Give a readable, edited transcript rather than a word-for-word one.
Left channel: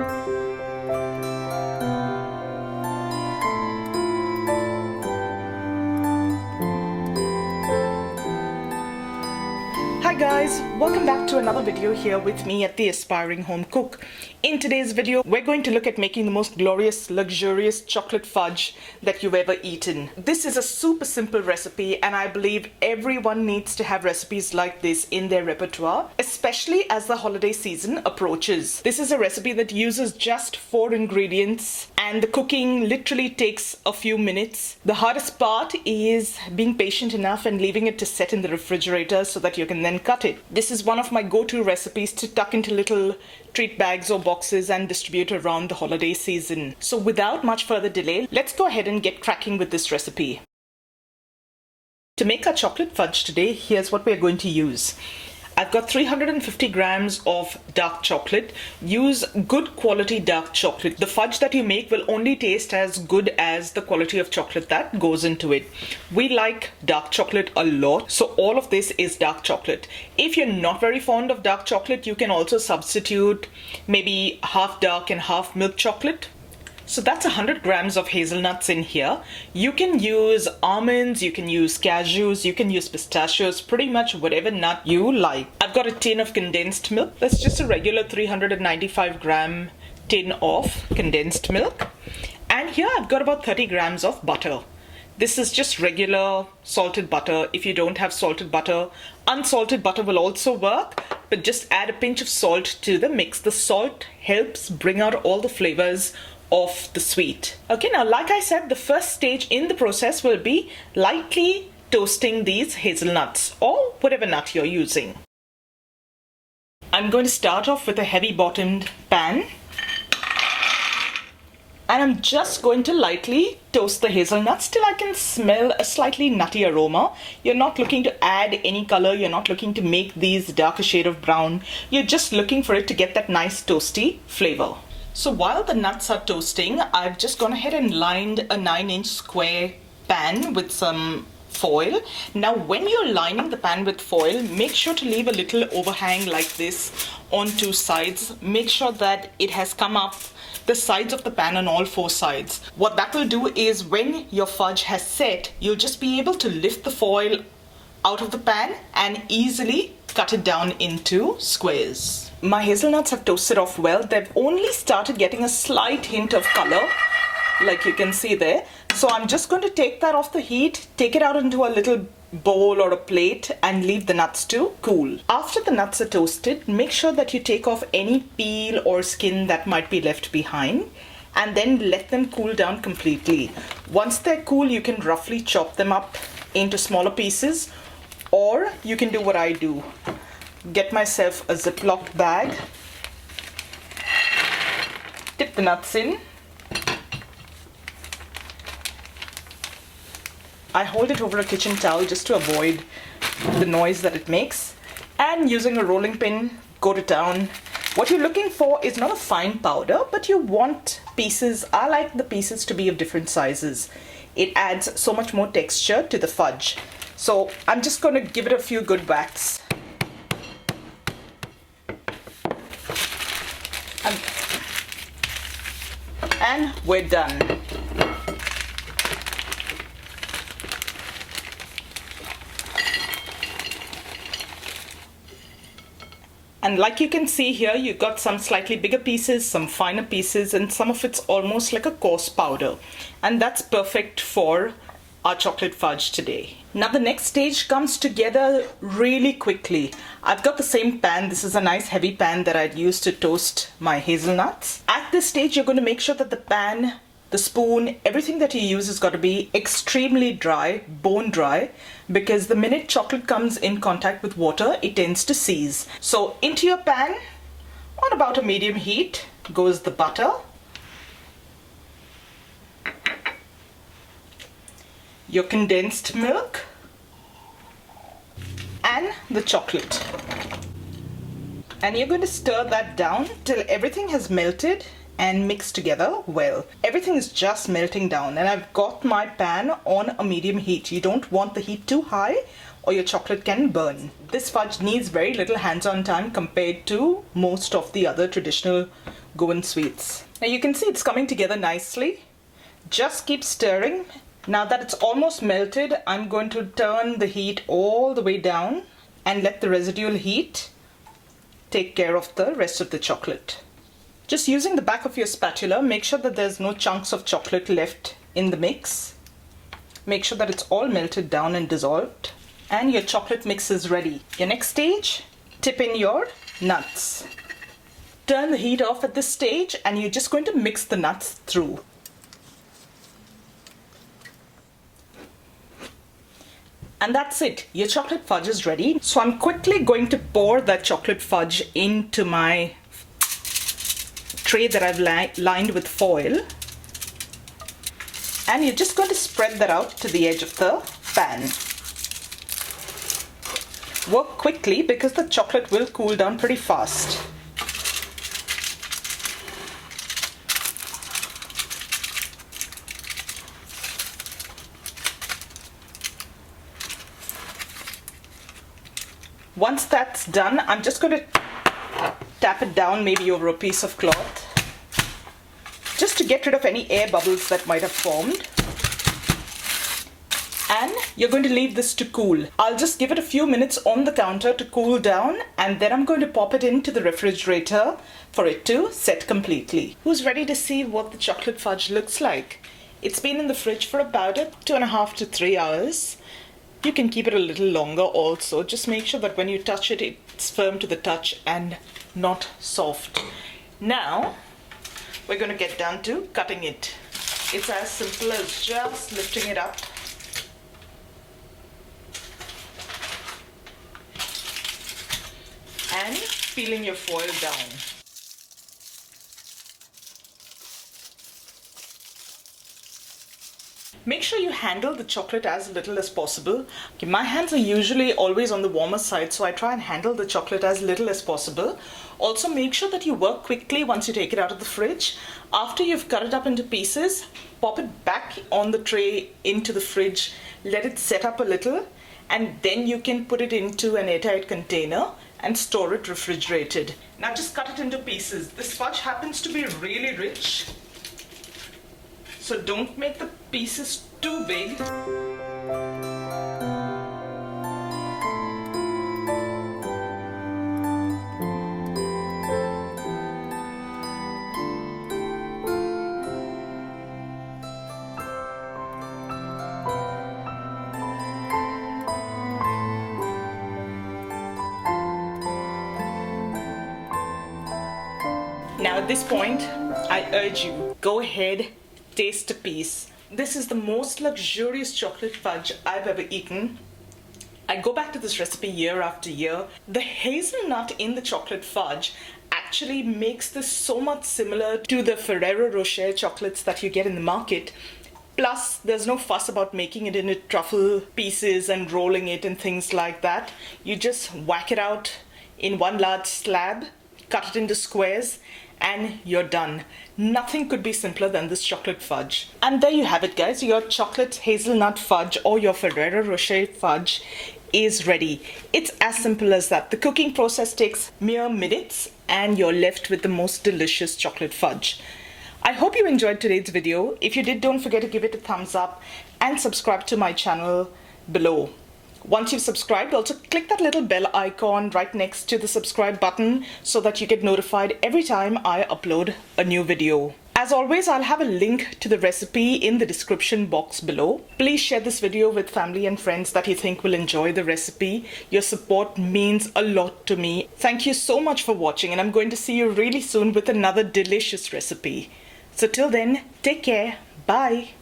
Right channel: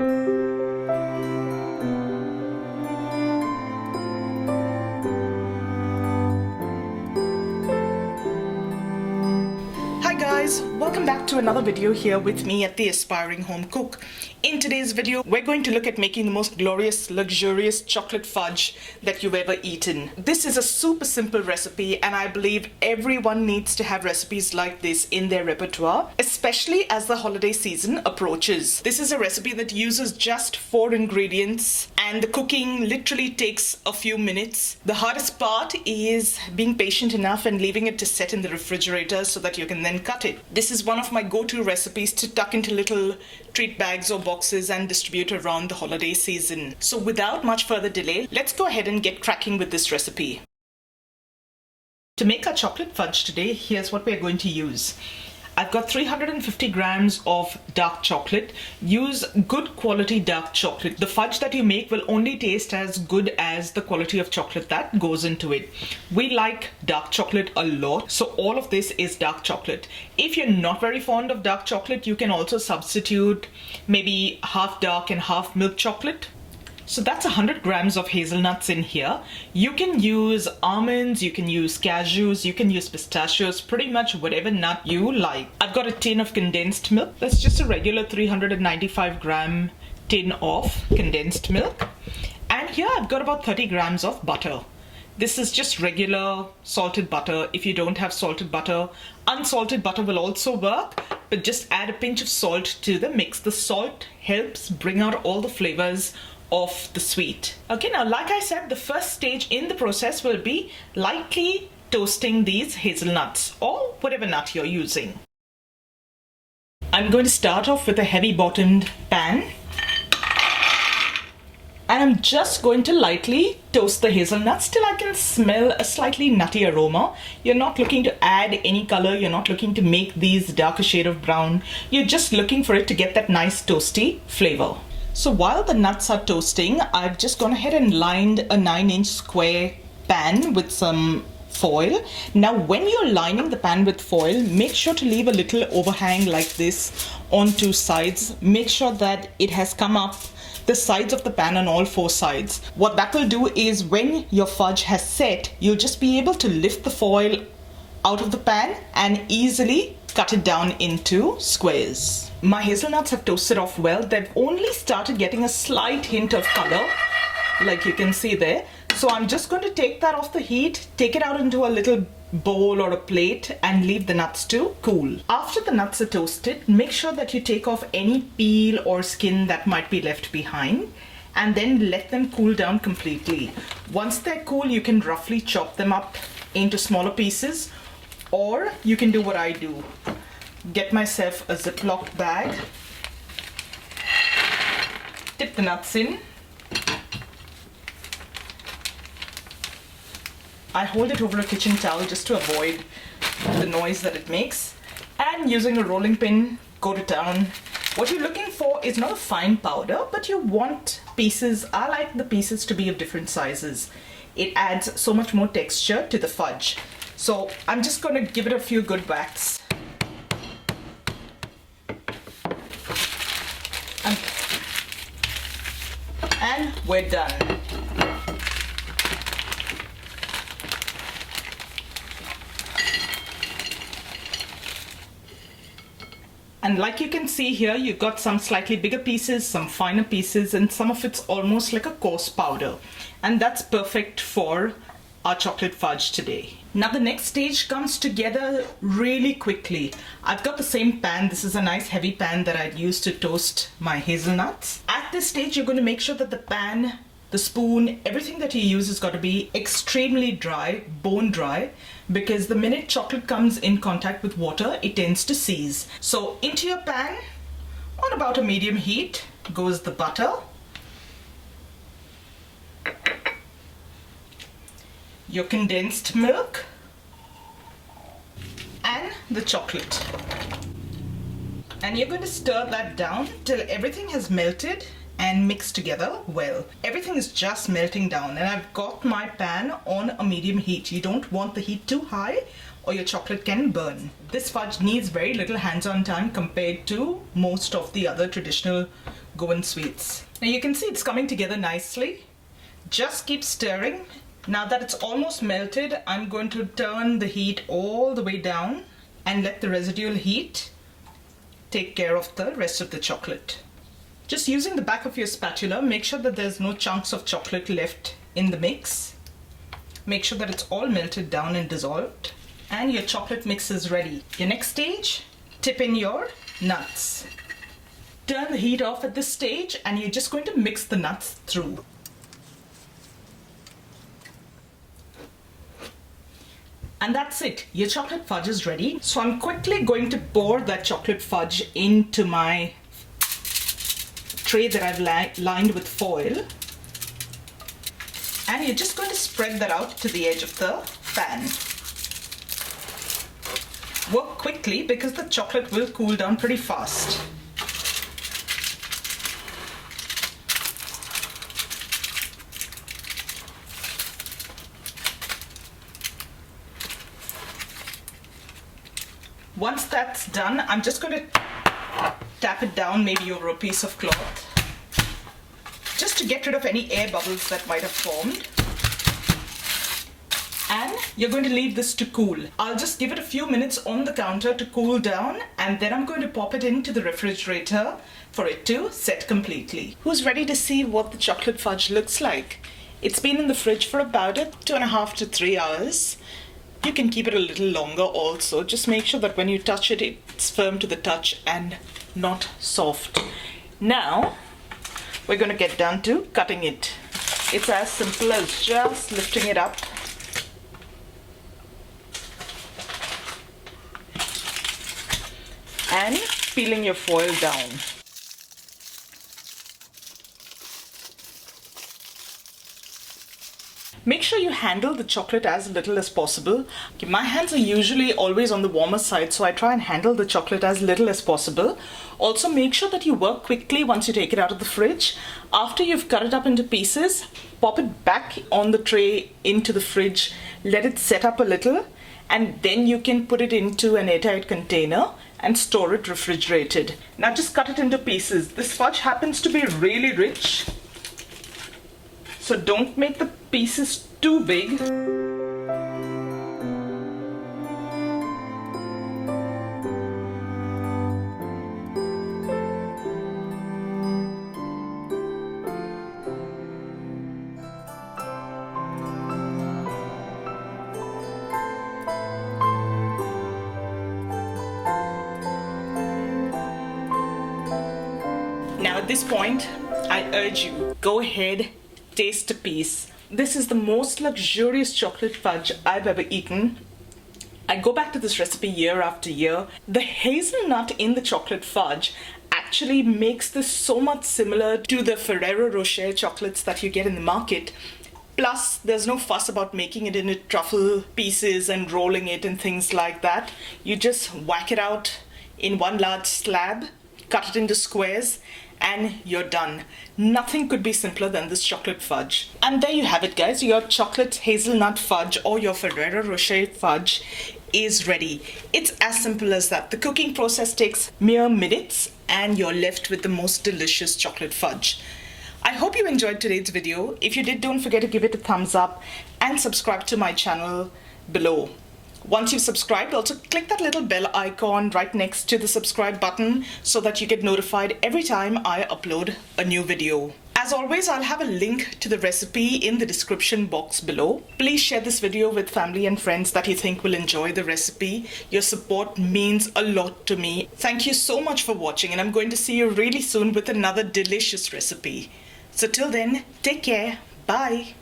Hi guys, welcome back to another video here with me at the Aspiring Home Cook. In today's video, we're going to look at making the most glorious, luxurious chocolate fudge that you've ever eaten. This is a super simple recipe and I believe everyone needs to have recipes like this in their repertoire, especially as the holiday season approaches. This is a recipe that uses just 4 ingredients and the cooking literally takes a few minutes. The hardest part is being patient enough and leaving it to set in the refrigerator so that you can then cut it. This is one of my go-to recipes to tuck into little treat bags or boxes and distribute around the holiday season. So without much further delay, let's go ahead and get cracking with this recipe. To make our chocolate fudge today, here's what we're going to use. I've got 350 grams of dark chocolate. Use good quality dark chocolate. The fudge that you make will only taste as good as the quality of chocolate that goes into it. We like dark chocolate a lot, so all of this is dark chocolate. If you're not very fond of dark chocolate, you can also substitute maybe half dark and half milk chocolate. So that's 100 grams of hazelnuts in here. You can use almonds, you can use cashews, you can use pistachios, pretty much whatever nut you like. I've got a tin of condensed milk. That's just a regular 395 gram tin of condensed milk. And here I've got about 30 grams of butter. This is just regular salted butter. If you don't have salted butter, unsalted butter will also work, but just add a pinch of salt to the mix. The salt helps bring out all the flavors of the sweet. Okay, now like I said, the first stage in the process will be lightly toasting these hazelnuts or whatever nut you're using. I'm going to start off with a heavy bottomed pan and I'm just going to lightly toast the hazelnuts till I can smell a slightly nutty aroma. You're not looking to add any color, you're not looking to make these darker shade of brown, you're just looking for it to get that nice toasty flavor. So while the nuts are toasting, I've just gone ahead and lined a 9-inch square pan with some foil. Now when you're lining the pan with foil, make sure to leave a little overhang like this on 2 sides. Make sure that it has come up the sides of the pan on all 4 sides. What that will do is when your fudge has set, you'll just be able to lift the foil out of the pan and easily cut it down into squares. My hazelnuts have toasted off well. They've only started getting a slight hint of color, like you can see there. So I'm just going to take that off the heat, take it out into a little bowl or a plate and leave the nuts to cool. After the nuts are toasted, make sure that you take off any peel or skin that might be left behind and then let them cool down completely. Once they're cool, you can roughly chop them up into smaller pieces, or you can do what I do. Get myself a Ziploc bag, dip the nuts in. I hold it over a kitchen towel just to avoid the noise that it makes, and using a rolling pin, coat it down. What you're looking for is not a fine powder, but you want pieces. I like the pieces to be of different sizes. It adds so much more texture to the fudge. So I'm just going to give it a few good whacks. And we're done. And like you can see here, you've got some slightly bigger pieces, some finer pieces, and some of it's almost like a coarse powder. And that's perfect for our chocolate fudge today. Now the next stage comes together really quickly. I've got the same pan. This is a nice heavy pan that I'd used to toast my hazelnuts. At this stage, you're going to make sure that the pan, the spoon, everything that you use has got to be extremely dry, bone dry, because the minute chocolate comes in contact with water, it tends to seize. So into your pan, on about a medium heat, goes the butter, your condensed milk, and the chocolate. And you're going to stir that down till everything has melted and mixed together well. Everything is just melting down, and I've got my pan on a medium heat. You don't want the heat too high or your chocolate can burn. This fudge needs very little hands-on time compared to most of the other traditional go in sweets. Now you can see it's coming together nicely. Just keep stirring. Now that it's almost melted, I'm going to turn the heat all the way down and let the residual heat take care of the rest of the chocolate. Just using the back of your spatula, make sure that there's no chunks of chocolate left in the mix. Make sure that it's all melted down and dissolved. And your chocolate mix is ready. Your next stage, tip in your nuts. Turn the heat off at this stage and you're just going to mix the nuts through. And that's it, your chocolate fudge is ready. So I'm quickly going to pour that chocolate fudge into my tray that I've lined with foil. And you're just going to spread that out to the edge of the pan. Work quickly because the chocolate will cool down pretty fast. Once that's done, I'm just going to tap it down maybe over a piece of cloth just to get rid of any air bubbles that might have formed. And you're going to leave this to cool. I'll just give it a few minutes on the counter to cool down, and then I'm going to pop it into the refrigerator for it to set completely. Who's ready to see what the chocolate fudge looks like? It's been in the fridge for about 2.5 to 3 hours. You can keep it a little longer also. Just make sure that when you touch it, it's firm to the touch and not soft. Now, we're going to get down to cutting it. It's as simple as just lifting it up and peeling your foil down. Make sure you handle the chocolate as little as possible. My hands are usually always on the warmer side, so I try and handle the chocolate as little as possible. Also, make sure that you work quickly once you take it out of the fridge. After you've cut it up into pieces, pop it back on the tray into the fridge, let it set up a little, and then you can put it into an airtight container and store it refrigerated. Now just cut it into pieces. This fudge happens to be really rich, so don't make the pieces too big. Now at this point, I urge you, go ahead, taste a piece. This is the most luxurious chocolate fudge I've ever eaten. I go back to this recipe year after year. The hazelnut in the chocolate fudge actually makes this so much similar to the Ferrero Rocher chocolates that you get in the market. Plus, there's no fuss about making it into truffle pieces and rolling it and things like that. You just whack it out in one large slab, cut it into squares, and you're done. Nothing could be simpler than this chocolate fudge. And there you have it, guys. Your chocolate hazelnut fudge or your Ferrero Rocher fudge is ready. It's as simple as that. The cooking process takes mere minutes and you're left with the most delicious chocolate fudge. I hope you enjoyed today's video. If you did, don't forget to give it a thumbs up and subscribe to my channel below. Once you've subscribed, also click that little bell icon right next to the subscribe button so that you get notified every time I upload a new video. As always, I'll have a link to the recipe in the description box below. Please share this video with family and friends that you think will enjoy the recipe. Your support means a lot to me. Thank you so much for watching, and I'm going to see you really soon with another delicious recipe. So till then, take care. Bye.